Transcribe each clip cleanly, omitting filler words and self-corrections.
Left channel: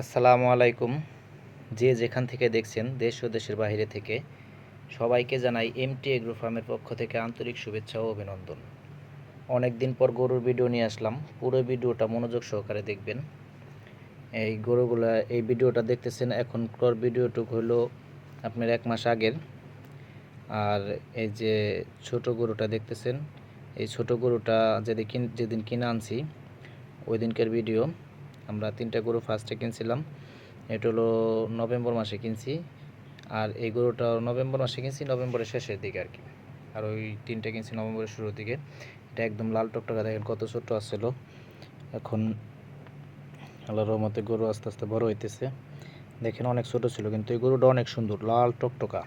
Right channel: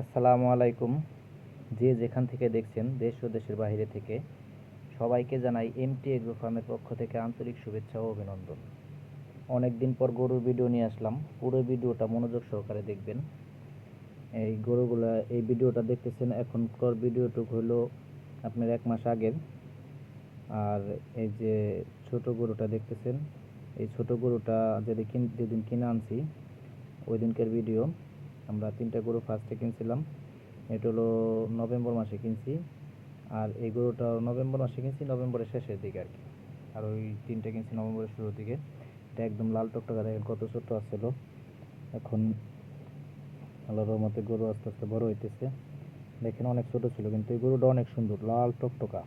আসসালামু আলাইকুম। যে যেখান থেকে দেখছেন দেশ ও দেশের বাইরে থেকে সবাইকে জানাই এমটি এগ্রো ফার্মের পক্ষ থেকে আন্তরিক শুভেচ্ছা ও অভিনন্দন। অনেক দিন পর গরুর ভিডিও নিয়ে আসলাম। পুরো ভিডিওটা মনোযোগ সহকারে দেখবেন। এই ভিডিওটা দেখতেছেন এখনকার ভিডিওটুকু হলো আপনার 1 মাস আগের। আর এই যে ছোট গরুটা দেখতেছেন, এই ছোট গরুটা যেদিন কিনে আনছি ওই দিনকার ভিডিও। আমরা 3টা গরু ফার্স্টে কিনছিলাম। এটা হলো নভেম্বর মাসে কিনছি। আর এই গরুটা নভেম্বর মাসে কিনছি, নভেম্বরের শেষের দিকে আর কি। আর ওই 3টে কিনছি নভেম্বরের শুরুর দিকে। এটা একদম লাল টকটকা, দেখেন কত ছোট আসছিল। এখন আল্লাহর রহমতে গরু আস্তে আস্তে বড় হইতেছে। দেখেন অনেক ছোট ছিল, কিন্তু এই গরুটা অনেক সুন্দর, লাল টকটকা।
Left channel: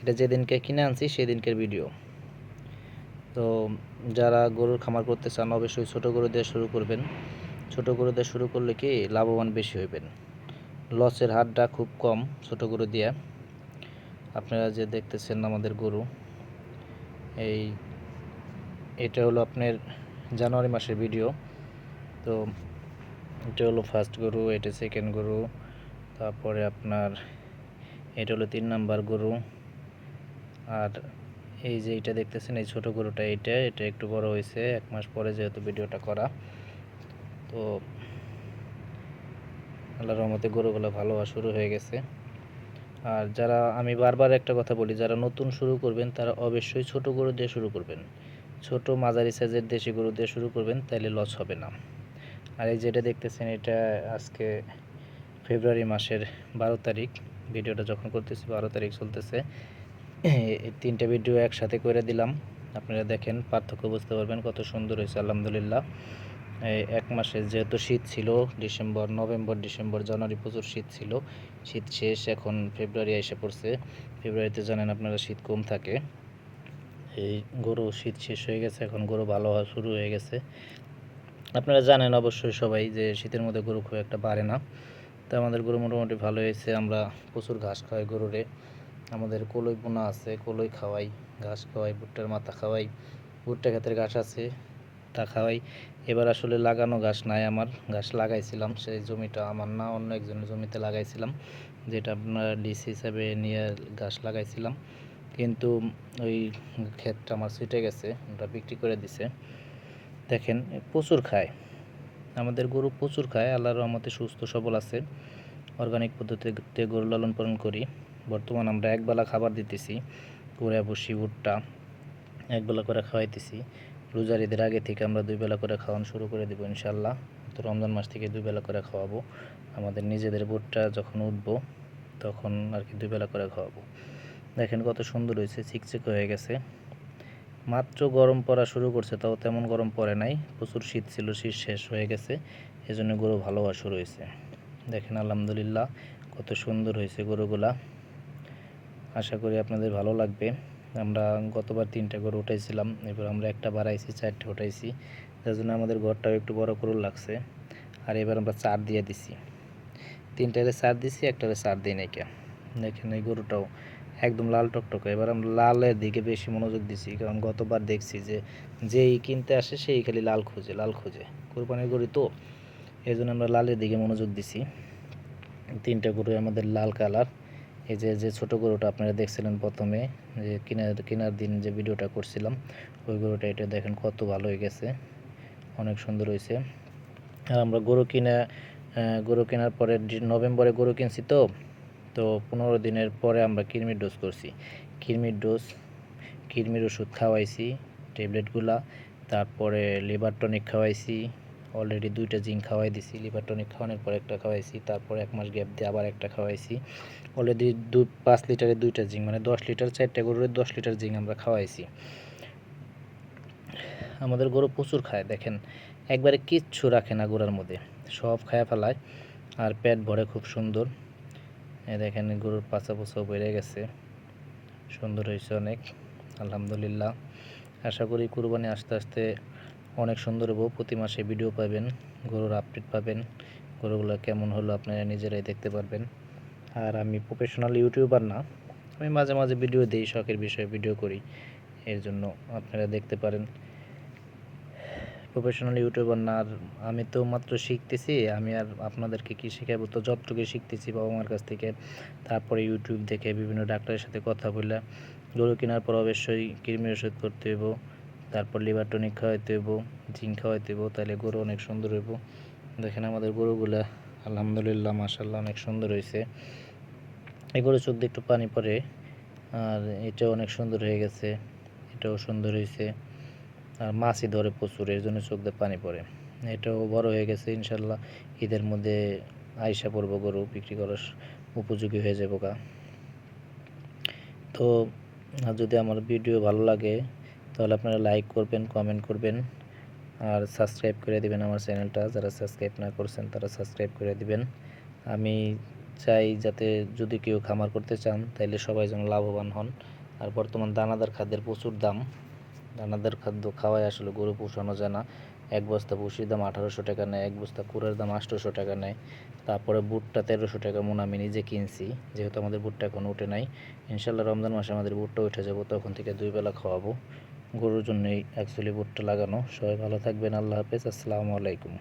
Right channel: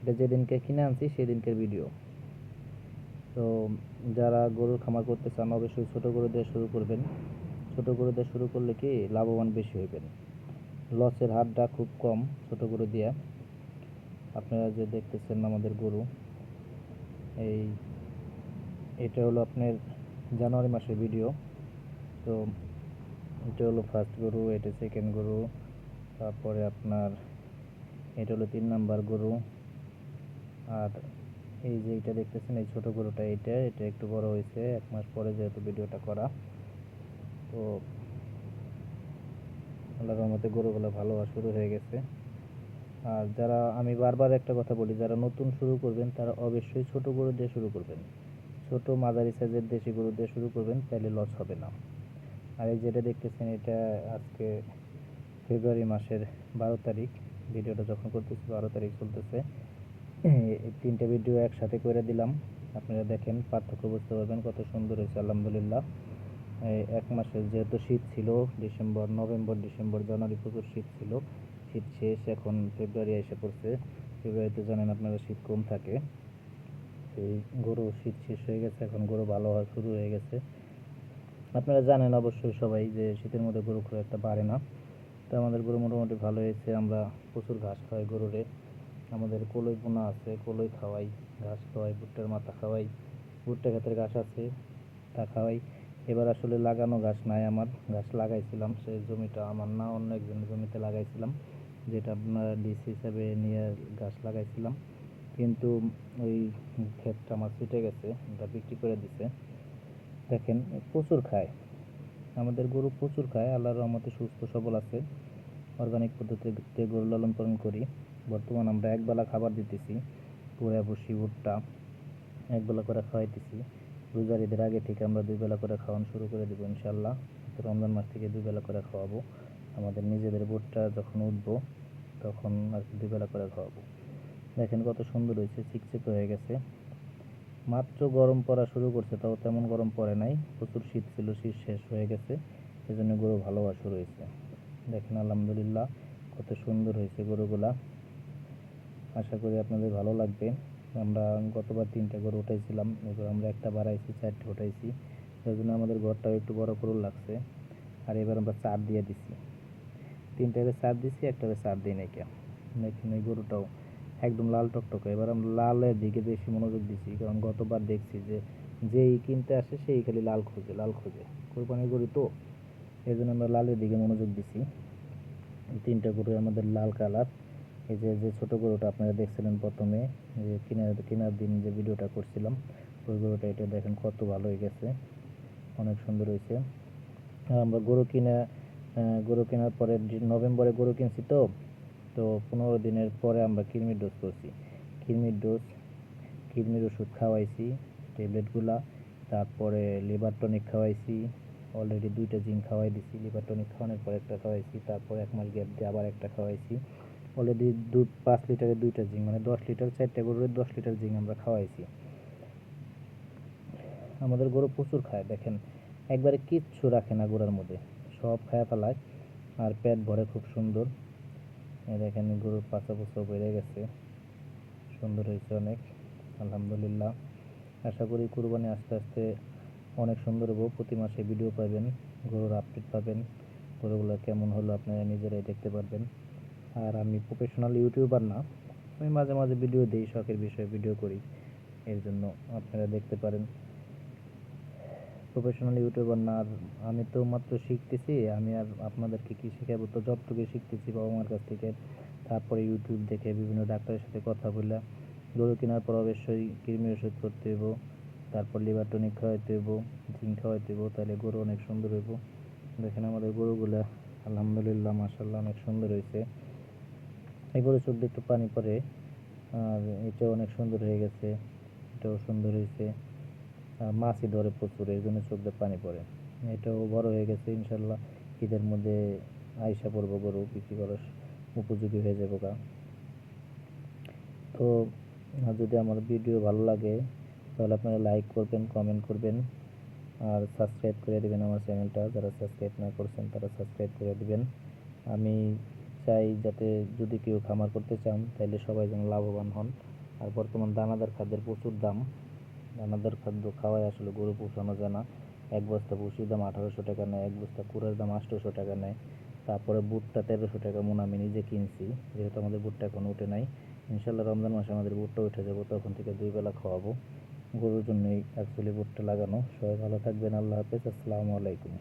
এটা যেদিনকে কিনে আনছি সেদিনকের ভিডিও। তো যারা গরুর খামার করতে চান অবশ্যই ছোট গরু দিয়ে শুরু করবেন। ছোট গরু দিয়ে শুরু করলে কি লাভবান বেশি হইবেন, লসের হারটা খুব কম ছোট গরু দিয়ে। আপনারা যে দেখতেছেন আমাদের গরু, এটা হলো আপনার জানুয়ারি মাসের ভিডিও। তো এটা হলো ফার্স্ট গরু, এটা সেকেন্ড গরু, তারপরে আপনার এটা হলো 3 নাম্বার গরু। আর এই যে এটা দেখতেছেন এই ছোট গরুটা, এটা একটু বড় হয়েছে 1 মাস পরে যেহেতু ভিডিওটা করা। তো আল্লাহর রহমতে গরুগুলো ভালো হওয়া শুরু হয়ে গেছে। আর যারা, আমি বারবার একটা কথা বলি, যারা নতুন শুরু করবেন তারা অবশ্যই ছোট গরু দিয়ে শুরু করবেন। ছোট মাঝারি সাইজের দেশি গরু দিয়ে শুরু করবেন, তাইলে লস হবে না। আর এই যেটা দেখতেছেন এটা আজকে ফেব্রুয়ারি মাসের 12 তারিখ। ভিডিওটা যখন করতেছি 12 তারিখ চলতেছে। এই 3টে ভিডিও একসাথে করে দিলাম, আপনারা দেখেন পার্থক্য বুঝতে পারবেন কত সুন্দর হয়েছে আলহামদুলিল্লাহ। এই 1 মাসে যেহেতু শীত ছিল, ডিসেম্বর, নভেম্বর, ডিসেম্বর, জানুয়ারি প্রচুর শীত ছিল। শীত শেষ, এখন ফেব্রুয়ারি এসে পড়ছে। ফেব্রুয়ারিতে জানেন আপনারা শীত কম থাকে। এই গরু শীত শেষ হয়ে গেছে, এখন গরু ভালো হওয়া শুরু হয়ে গেছে। আপনারা জানেন অবশ্যই সবাই যে শীতের মধ্যে গরু খুব একটা বাড়ে না। তো আমাদের গরু মোটামুটি ভালো হয়েছে। আমরা প্রচুর ঘাস খাওয়াই গরুরে। আমাদের কলই বোনা আছে, কলই খাওয়াই, ঘাস খাওয়াই, ভুট্টার মাথা খাওয়াই। ভুট্টা ক্ষেতের ঘাস আছে, তা খাওয়াই। এবার আসলে লাগানো ঘাস নাই আমার, ঘাস লাগাইছিলাম, সেই জমিটা আমার না, অন্য একজনের জমিতে লাগাইছিলাম, যেটা আপনার ডিসি হিসাবে নিয়ে ঘাস লাগাইছিলাম। কিন্তু ওই ক্ষেতটা আমার ছিটে গেছে, ওটা বিক্রি করে দিছে। দেখেন প্রচুর খায়, আমাদের গরু প্রচুর খায়, আল্লাহর রহমতে সুস্থ সবল আছে। অর্গানিক পদ্ধতিতে গরু লালন পালন করি। বর্তমান আমরা একবেলা খাবার দিতেছি, কুড়া ভুসি ভুট্টা একবেলা করে খাওয়াইতেছি। রোজার ঈদের আগে থেকে আমরা 2 বেলা করে খাওয়ানো শুরু করে দেবো ইনশাল্লাহ। তো রমজান মাস থেকে 2 বেলা করে খাওয়াবো। আমাদের নিজেদের ভুট্টা যখন উঠবো তখন আর কি 2 বেলা করে খাওয়াবো। দেখেন কত সুন্দর হয়েছে, চিকচিক হয়ে গেছে। মাত্র গরম পড়া শুরু করছে, তাও তেমন গরম পড়ে নাই। প্রচুর শীত ছিল, শীত শেষ হয়ে গেছে, এজন্য গরু ভালো হওয়া শুরু হয়েছে। দেখেন আলহামদুলিল্লাহ কত সুন্দর হয়েছে গরুগুলা। আশা করি আপনাদের ভালো লাগবে। আমরা গতবার 3টা গরু উঠাইছিলাম, এবার আমরা একটা বাড়াইছি, 4টে উঠাইছি, যার জন্য আমাদের ঘরটাও একটু বড় করে লাগছে। আর এবার আমরা 4 দিয়ে দিছি, 3টারে 4 দিছি, একটারে 4 দিই নাই। দেখেন এই গরুটাও একদম লাল টকটকে। এবার আমরা লালের দিকে বেশি মনোযোগ দিছি, কারণ গতবার দেখছি যে যেই কিনতে আসে সেই খালি লাল খোঁজে, লাল খোঁজে, কোরবানির গরু তো, এই জন্য আমরা লালের দিকে মনোযোগ দিছি। 3টা গরু আমাদের লাল কালার। এই যে ছোট গরুটা আপনারা দেখছিলেন প্রথমে, যে কেনার দিন যে ভিডিওটা করছিলাম, ওই গরুটা, এটা দেখেন কত ভালো হয়ে গেছে, অনেক সুন্দর হয়েছে। আর আমরা গরু কেনার পরে নভেম্বরে গরু কিনছি, তো 15 দিনের পরে আমরা কৃমির ডোজ করছি। কৃমির ওষুধ খাওয়াইছি, ট্যাবলেটগুলা। তারপরে লিভার টনিক খাওয়াইছি, অলরেডি 2টা জিঙ্ক খাওয়াই দিছি। লিভার টনিক খাওয়ানোর পর একটা খাওয়াইছি, তারপর 1 মাস গ্যাপ দিয়ে আবার একটা খাওয়াইছি। অলরেডি 5 লিটারে 2টা জিঙ্ক, মানে 10 লিটার, 4টে গরুর 10 লিটার জিঙ্ক আমরা খাওয়াইছি। আমাদের গরু প্রচুর খায়, দেখেন একবারে কিচ্ছু রাখে না গোড়ার মধ্যে, সব খায়া ফেলায়। আর পেট ভরে খুব সুন্দর। দেখেন গরুর পাছা পোছাও বেড়ে গেছে, সুন্দর হয়েছে অনেক আলহামদুলিল্লাহ। আশা করি কুরবানি আস্তে আস্তে অনেক সুন্দর হবো। প্রতি মাসে ভিডিও পাবেন, গরুর আপডেট পাবেন, গরুগুলো কেমন হলো আপনারা নিজেরাই দেখতে পারবেন। আর আমি প্রফেশনাল ইউটিউবার না, আমি মাঝে মাঝে ভিডিও দিই, শখের বিষয়ে ভিডিও করি, এর জন্য আপনারা দেখতে পারেন। প্রফেশনাল ইউটিউবার না। আর আমি তো মাত্র শিখতেছি, আমি আর আপনাদেরকে কি শেখাবো? তো যতটুকু শিখতেছি বাবা মার কাছ থেকে, তারপরে ইউটিউব দেখে বিভিন্ন ডাক্তারের সাথে কথা বলে গরু কেনার পর অবশ্যই কৃমি ওষুধ করতে হইব, তারপর লিভার টনিক খাওয়াইতে হইব, জিঙ্ক খাওয়াইতে হইব, তাহলে গরু অনেক সুন্দর হইব। দেখেন আমাদের গরুগুলা আলহামদুলিল্লাহ মাশাআল্লাহ অনেক সুন্দর হয়েছে। এই গরুর চোখ দিয়ে একটু পানি পড়ে। আর এটাও অনেক সুন্দর হয়ে গেছে, এটাও সুন্দর হয়েছে। আর মাছই ধরে প্রচুর, এর জন্য চোখ দিয়ে পানি পড়ে। এটাও বড় হয়ে গেছে, ইনশাল্লাহ ঈদের মধ্যে আইসা পড়বো, গরু বিক্রি করার উপযোগী হয়ে যাবো গা। তো যদি আমার ভিডিও ভালো লাগে তাহলে আপনারা লাইক করবেন, কমেন্ট করবেন, আর সাবস্ক্রাইব করে দিবেন আমার চ্যানেলটা। যারা সাবস্ক্রাইব না করছেন তারা সাবস্ক্রাইব করে দিবেন। আমি চাই যাতে যদি কেউ খামার করতে চান তাহলে সবাই যেন লাভবান হন। আর বর্তমান দানাদার খাদ্যের প্রচুর দাম, দানাদার খাদ্য খাওয়ায় আসলে গরু পোষানো যায় না। এক বস্তা ভুসির দাম 1800 টাকা নেয়, এক বস্তা কুড়ার দাম 800 টাকা নেয়। তারপরে ভুট্টা 1300 টাকা মন আমি নিজে কিনছি, যেহেতু আমাদের ভুট্টা এখন উঠে নাই। ইনশাল্লাহ রমজান মাসে আমাদের ভুট্টা উঠে যাব, তখন থেকে 2 বেলা খাওয়াবো। গরুর জন্যই অ্যাকচুয়ালি ভুট্টা লাগানো। সবাই ভালো থাকবেন, আল্লাহ হাফেজ, আসসালামু আলাইকুম।